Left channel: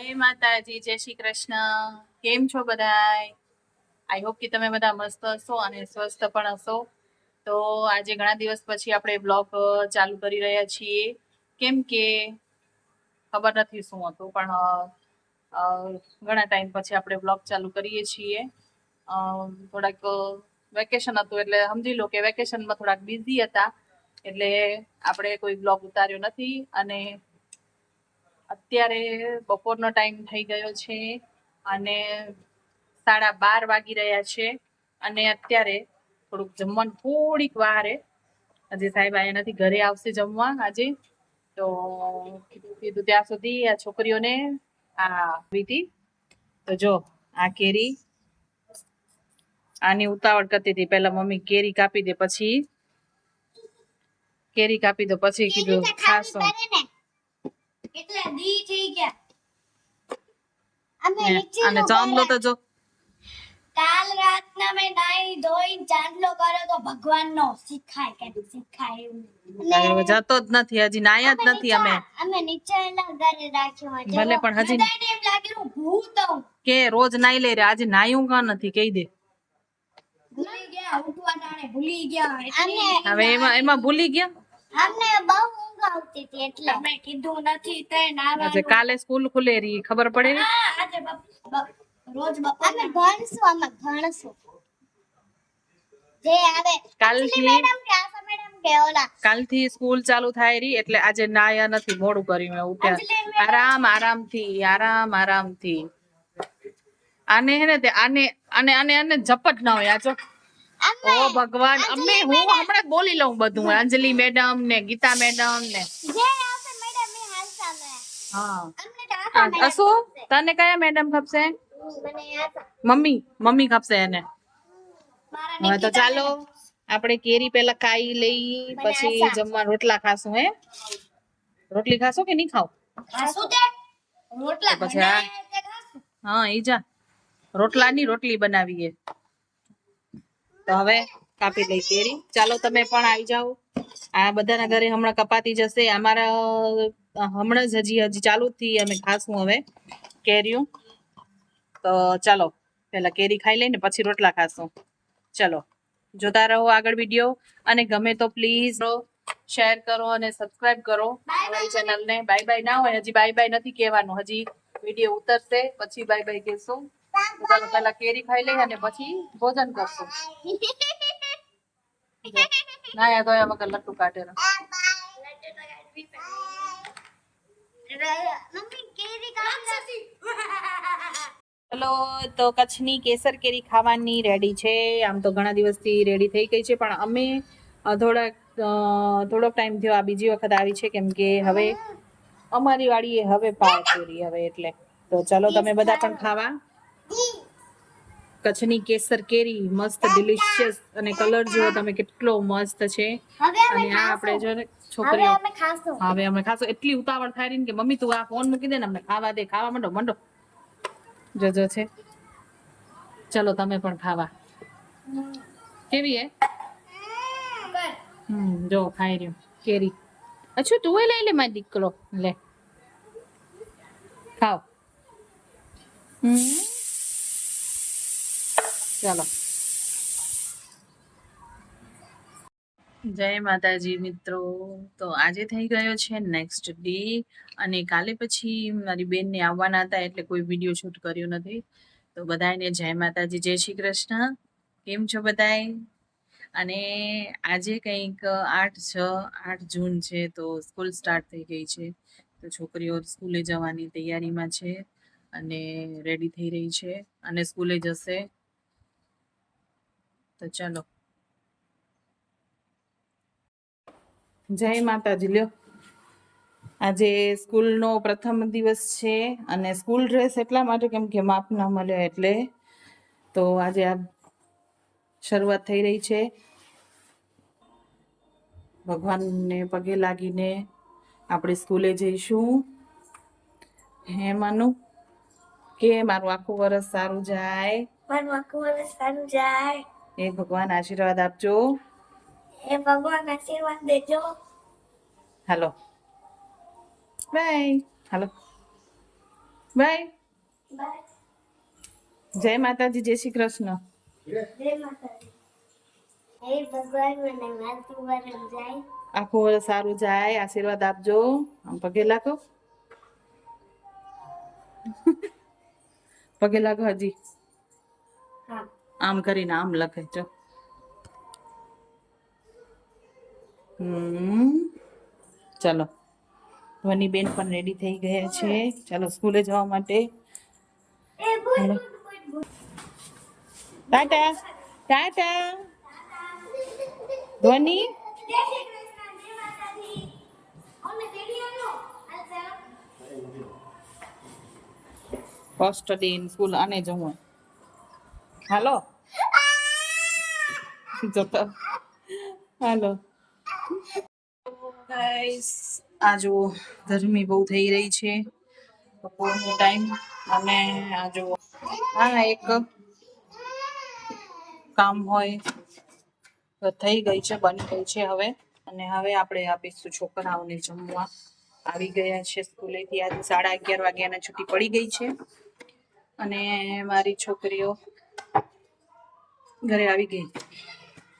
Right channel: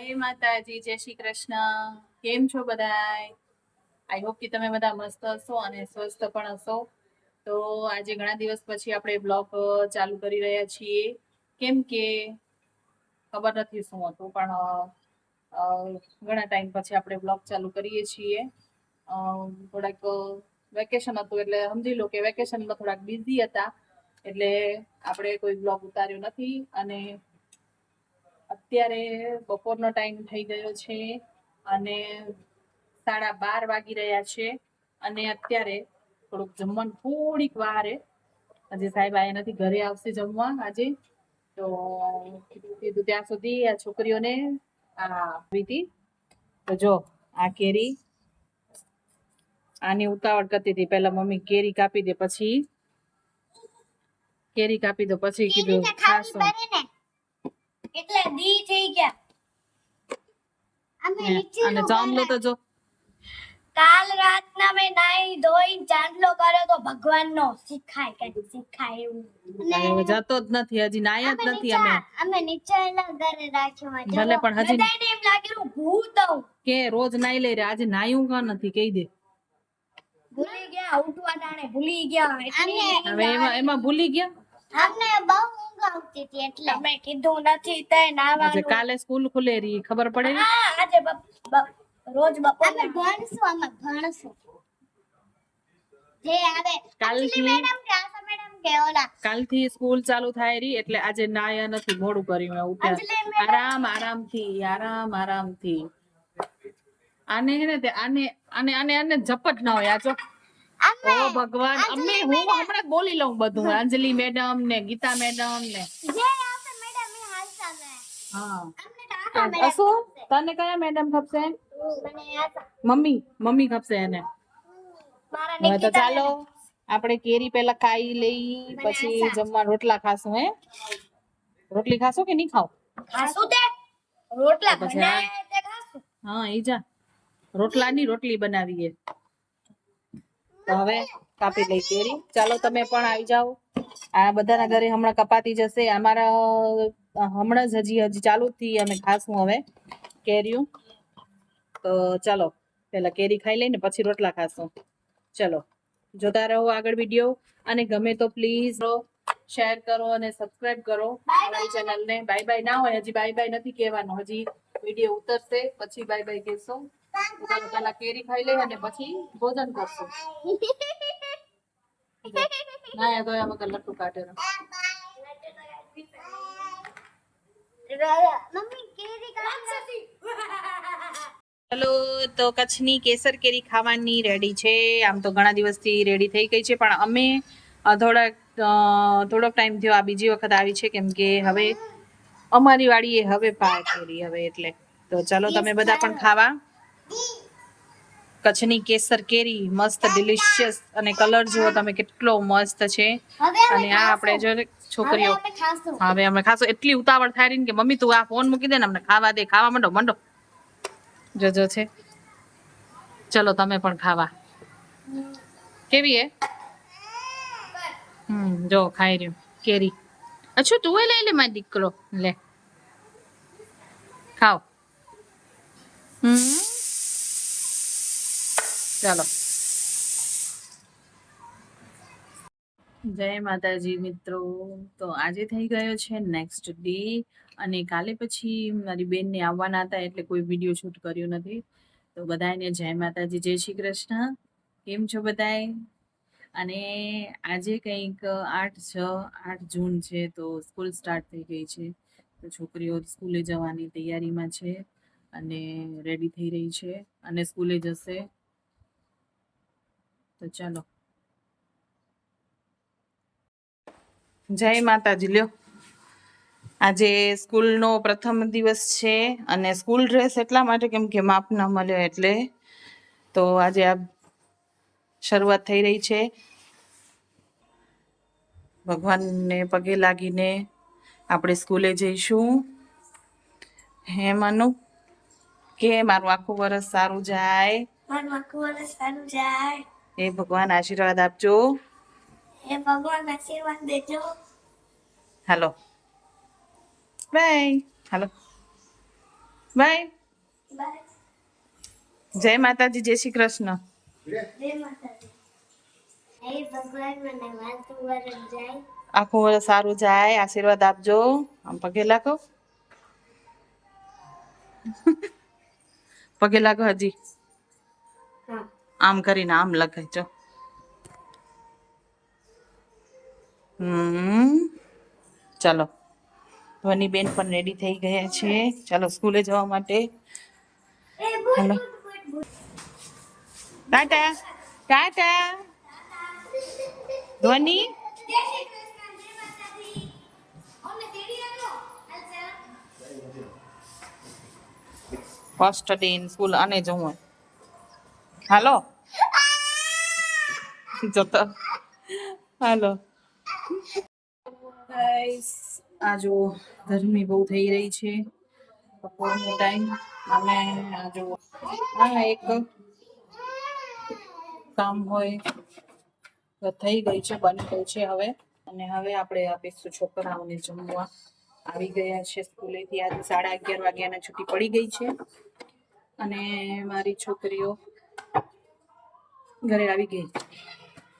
જય માતાજી, જય શ્રી કૃષ્ણ. કેમ છો બધાય? આઈ હોપ કે તમે બધા મસ્ત હશો અને સ્વસ્થ પણ હશો. તો આજે ઘણા દિવસ પછી આપણે બ્લોગ ચાલુ કરી રહ્યા છીએ. કેમ કે ખબર નથી શું હતું, પણ ઘણા ટાઈમ પછી આપણે બ્લોગ ચાલુ કરીએ છીએ. થોડાક વેકેશન હતું એટલે સમજી લો કે વેકેશનમાં થોડાક બિઝી હતા, એટલે આપણે કોઈ બ્લોગ ઉતાર્યો નથી. અને અત્યારે બપોરનો ટાઈમ થઈ ગયો છે અને 12:30 વાગી રહ્યા છે. અને અત્યારે થોડુંક જમવાનું થોડીક વાર હજી સાહેબ આયા નથી, ઘરે આવશે જમવા આજે. તો કીધું ત્યાં સુધી આ છોકરીઓને વીટી તો જો આ કેરી આની ઉતાવળ કરતી હતી. પહેલા મમ્મી કેરી કાપી દે, પછી કેરી કાપી દો, પછી કીધું ખાશો એટલે દી થઈ ગયા. અને ચાંદલો તો જો કાલ રાતના મેં નાઈ ધોઈ ચાંદલો કર્યો તો ભગવાનનો શીખાય કે શીખાય એવું જતો જ નથી, હજી નાયા જ નથી. અમે નીચેના ઘરે રાખ્યો ભલે પણ હજી એમ લાગ્યું ભૂત કે રોજ નાઈ લે રે, આજે નાયું કા નથી કહી દે. ભૂલી ગયા ઉઠવા ટાણે ભૂલી ગયા હવે એમાં ભૂલી ગયા. અમને બહુ ઊંઘ આવતી હતી એટલે મેં કીધું નથી તે નાવાનું. આજે કાલે સ્કૂલ ખુલે રી ખબર પડે રી. આજે રોજ બપોર અમે ભણશું જે આવે કાલથી સ્કૂલ ચાલુ થાય રી, એટલે આજે નાયા નથી, મોડું કર્યું. ઉઠ્યા આરામથી. આને હે ને તે આને આને આને આને ઝપટ ના હોય. આ જો ઓ ભગવાન, અમે હું હમણાં બોલી લઉં બધું. અંજલિ મેડમ ને ગીતા મેડમ ને જે આવશે મેડમ એ હાલતા મે હા. અસુ તને કયા મેડમ ખપશે? મને મમ્મી ખપશે એને. હવે તો ચાલો આપણે કેરી પેલા ખાઈ લઈ, પછી જમવા રોટલા ખાશું. હે રોટલી ખાશો કે નહીં ખાવ? ખાશું તે રોટલા પછી હા ઈ જા રોટલાની રોટલી બનાવીએ. તો હવે કાપી લઈ કેરી. ચાલો તમે પણ આવી જાઓ. આ બધાના ઘરે હમણાં કપાતી જશે. અમારા હમણાં જ હજી ચાલુ થી અમે ખાશું હવે કેરીઓ. તો ચાલો પેલા કેરી ખાઈ લઈને પછી રોટલા ખાશું. ચલો જોતા રહો આગળ વિડીયો, અને ગમે તો પ્લીઝ શેર કરો અને સબસ્ક્રાઇબ કરો અમારી ચેનલને. બાય બાય ના હોય, હજી બાય બાય નથી કહેવાનું, હજી વિડીયો ઉતરશે પછી બાય બાય કહેશું. ચાલો પેલા કેરી ખાઈ લઈએ અને પછી ભોજન કરશું. ના તો એમાં લટ્ટુ કાઢે. મમ્મી કેરી કાઢી. હેલો, તો કચ્છની કેસર કેરી ખાવાની રેડી છે. આમ તો ઘણા દિવસથી રેડી થઈ ગઈ છે, પણ અમે થોડોક ટાઈમ થયો આ બીજી વખત આવી છે, કેમ કે હવે અમારી વાડીએ હવે પાક કેરી હવે એટલે. તો ચાલો તમે બધા પણ ખાવા. કચ્છની કેસર કેરી મસ્ત ડિલિશિયસ, અને કલર જુઓ તમે કેટલો મસ્ત છે. અને આ આપણે જો છોકરીઓ હવે અમે ખાશું. એટલી ઉતાવળ થાય રહી ને કે મમ્મી તું આ ફોન મૂકી દે ને અમને ખાવા દે. ખાવા માંડો જોજો છે. ચલો તમે પણ ખાવા. કેવી હે? જો ખાઈ રહ્યો કેરી. અચ્છા તું લઈ લે મારી દીકરો, લે ખાઓ. ચાલો જય માતાજી મિત્રો. તો આજે થઈ ગયો છે નેક્સ્ટ ડે, અને કાલે પછી મારી બેનને આવવાના હતા એટલે કોઈ વિડીયો શૂટ કર્યો નથી. તો બધાને જય માતાજી, જય શ્રી કૃષ્ણ. કેમ છો બધાય? અને આજે કંઈક 8 જૂન છે, તો સ્કૂલ સ્ટાર્ટ થઈ ગઈ છે. તો છોકરીઓ સ્કૂલે જવાની તૈયારીમાં છે અને રેડી થઈ રહી છે અને સ્કૂલે જશે. તો ચાલો જય માતાજી. લ્યો આજે સ્કૂલનો પ્રથમ દિવસ છે, અને સ્કૂલ ડ્રેસ એટલા માટે કેમ કે માપ ન મળ્યો એટલે. તો આજે આ શરૂઆત થઈ રહી છે. ભગવાનને પગે લાગીને આપણે સ્કૂલે જઈશું. હે માનું કે મારું આખું વર્ષ સારું જાય. હે ભગવાન આશીર્વાદ આપજો. હે ભગવાન આશીર્વાદ દેજો. હાલો બાય. હાલો બાય. જય માતાજી, જય શ્રી કૃષ્ણ. જય માતાજી. હે ભગવાન મને વાતું વરસ જાય. આખું વર્ષ સારું જાય, આશીર્વાદ આપજો. આમ પગે લાગો. પગે લાગો હજી. હા. આમ કરીને આમ લખાય જો. ચાલો, ધ્વની બેન પણ રેડી થઈ ગયા છે. ચાલો સ્કૂલે જવા માટે. હાલો, ટાટા ટાટા. ધ્વનિ જય શ્રી કૃષ્ણ, જય માતાજી. અમને તેડી આવો. અચ્છા. ફર્સ્ટ ડે ઇન સ્કૂલ આને જવું. હાલો જતો. હાલો ગાઈસ, આ જો ગરમી બહુ થઈ રહી છે બપોરનો ટાઈમ. અને આ જો આ એક કામ હોય તો થઈ ગઈ છે, બની ગઈ છે હવે. અને હવે આપણે આપીશું છોકરાઓને જમવા. આવી ગયા છે સ્કૂલેથી. આજે 11:30 વાગ્યાના છૂટી પડી ગઈ છે. અને મારી છોકરીઓ ઘરે આવી ગઈ.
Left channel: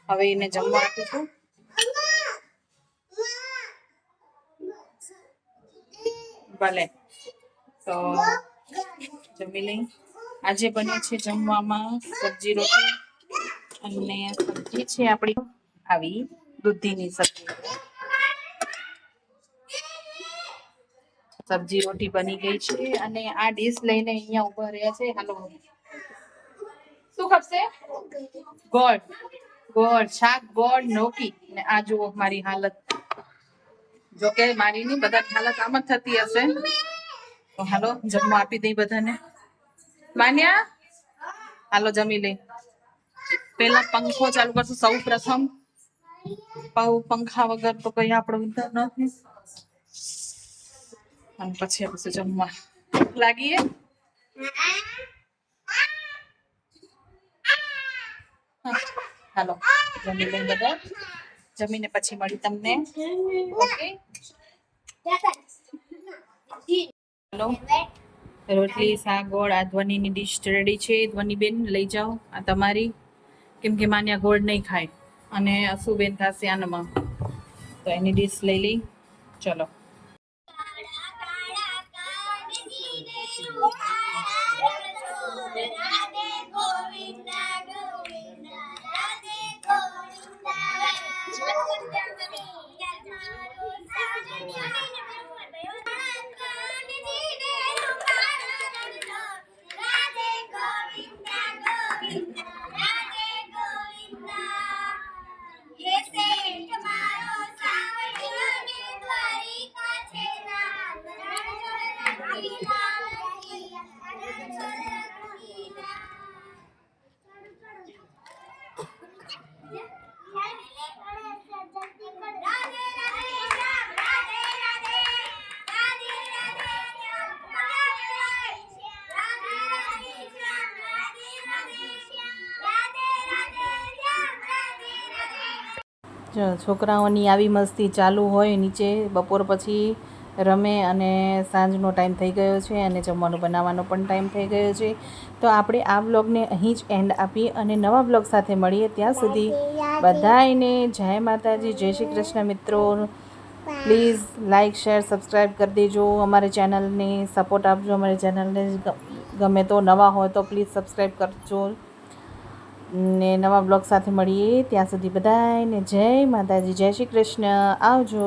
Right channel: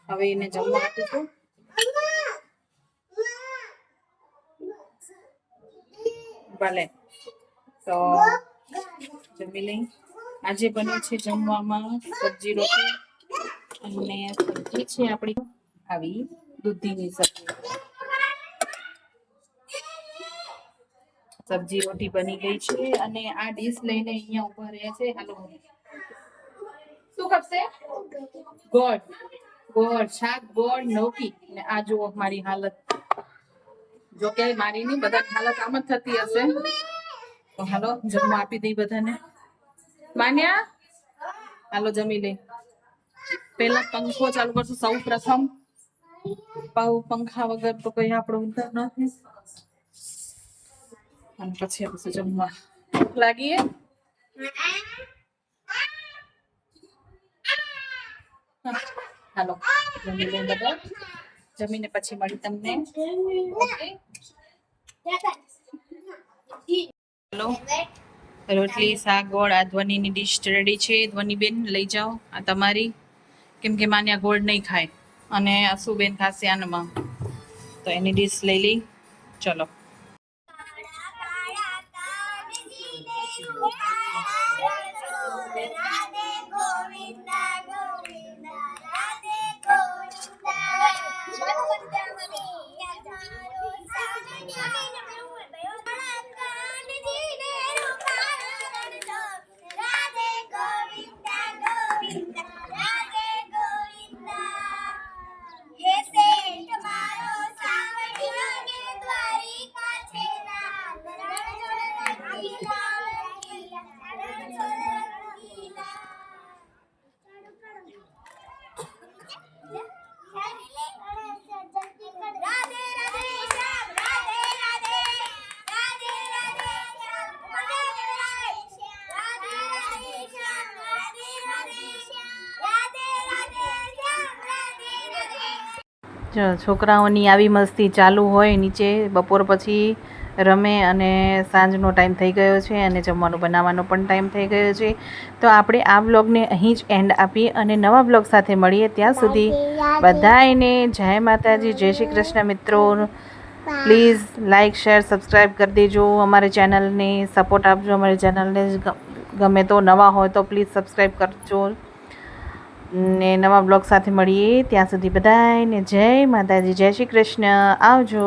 હવે એને જમવા આપીશું. ભલે તો જમી લઈ. આજે બને છે જમવામાં સબ્જી રોટી. અને સબ્જી છે આપણી આવી દૂધીની સબ્જી. સબ્જી રોટી બની ગઈ છે. અને આ ડીશ લઈને અહીંયા ઉભા રહ્યા છે. હાલો, શું ખપશે? ગોળ, ગોળ શાક, ગોળ નોકી. ને આ જુઓ મારી હાલત. જોકે મારી ની બધાની હાલત આમ જ થતી હશે. તો હાલો જમવા આપી દઈ બધાને. માન્યા, હાલો જમી લઈ. પેલા પંખો ચાલુ કરશું સૌ પ્રથમ. પંખા વગર તો કઈ આપણું ઉંદર નથી. અને પછી આપણે જમવા. ભૂખ લાગી હે? હાલો જમી લઈ બધા. જમીને પછી મળી તમને. ઓકે, હાલો. રોટલી શાક ગોળ. આ ધ્વનિની ડીશ રેડી છે. ધ્વનિ બેન લઈ જાઓ આ તમારી. કેમ કે માન્યા ગોળ નહીં ખાય અને અસુબેન ખાશે આનમાં. તો એની ડીશ લઈ લઈ. ચલો. રાધે ગોવિંદા ગોવિંદા રાધે જો છોકરાઓની આવી મસ્તી ચાલુ હોય નીચે. બપોર પછી રમે અને સાંજનો ટાઈમ થઈ ગયો છે અને જમવાનું બનાવવાનો પણ ટાઈમ થઈ ગયો છે. તો આપણે આ વ્લોગને અહીં જ એન્ડ આપીએ અને નવા વ્લોગ સાથે મળીએ. ત્યાં સુધી બધાને જય માતાજી, જય શ્રી કૃષ્ણ. મિત્રો પ્લીઝ લાઇક શેર સબસ્ક્રાઈબ કરી દેજો. અમારી ચેનલને સપોર્ટ આપજો. અમારી ચેનલને ગમે તો નવા હોય તો પ્લીઝ સબસ્ક્રાઈબ કરજો. ને નવા બ્લોગ સાથે મળીએ. ત્યાં સુધી બધાને જય માતાજી, જય શ્રી કૃષ્ણ. આવજો.